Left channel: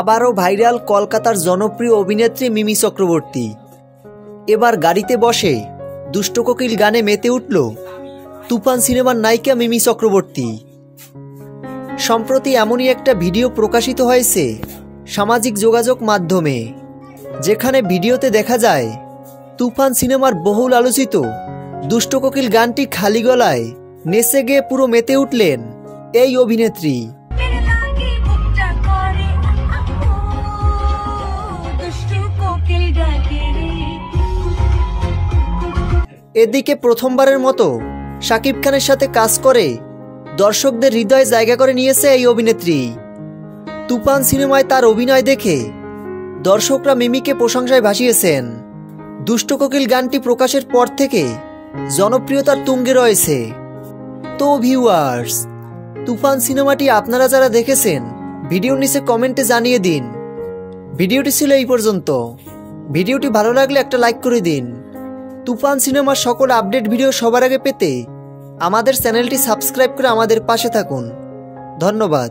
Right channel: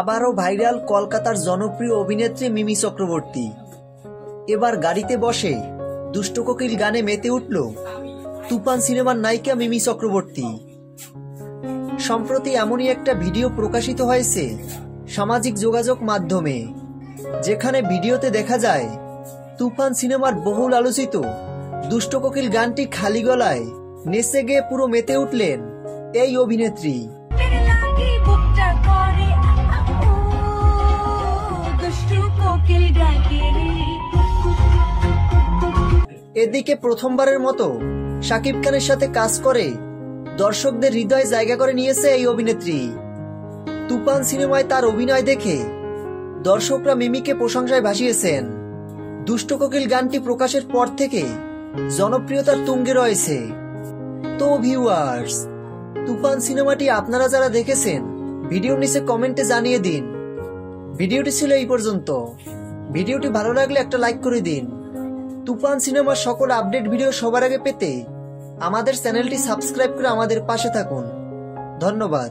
আবারও ভাইরাল কলকাতার জনপ্রিয় অভিনেত্রী মিমি চক্রবর্তী। এবার গাড়িতে বসে দুষ্ট কোকিল গানে মেতে উঠল তুফান সিনেমার নায়িকা মিমি চক্রবর্তী। সম্প্রতি এমনই একটা ভিডিও প্রকাশিত হয়েছে সামাজিক যোগাযোগ মাধ্যমে, যেখানে ভিডিওতে দেখা যায় তুফান সিনেমার বহুল আলোচিত দুষ্ট কোকিল গানটি খালি গলায় নেচে গিয়ে পুরো মেতে উঠলেন এই অভিনেত্রী। এদিকে প্রথমবারের মতো শাকিব খানের সাথে কাজ করে দর্শকদের হৃদয়ে জায়গা করে নিয়েছে এই অভিনেত্রী। তুফান সিনেমায় তার অভিনয় দেখে দর্শকরা মিমিকে প্রশংসায় ভাসিয়েছেন। দুষ্ট কোকিল গানটি প্রকাশের পর থেকে জনপ্রিয়তার তুঙ্গে রয়েছে। তো ভিউয়ার্স, তুফান সিনেমাটি আপনারা যারা দেখেছেন ভিডিওর নিচে কমেন্টে জানিয়ে দিন। ভিডিওটি ছিল এই পর্যন্ত। ভিডিওটি ভালো লাগলে একটা লাইক করে দিন। তুফান সিনেমার সকল আপডেট ভিডিও সবার আগে পেতে আমাদের চ্যানেলটি সাবস্ক্রাইব করে আমাদের পাশে থাকুন। ধন্যবাদ।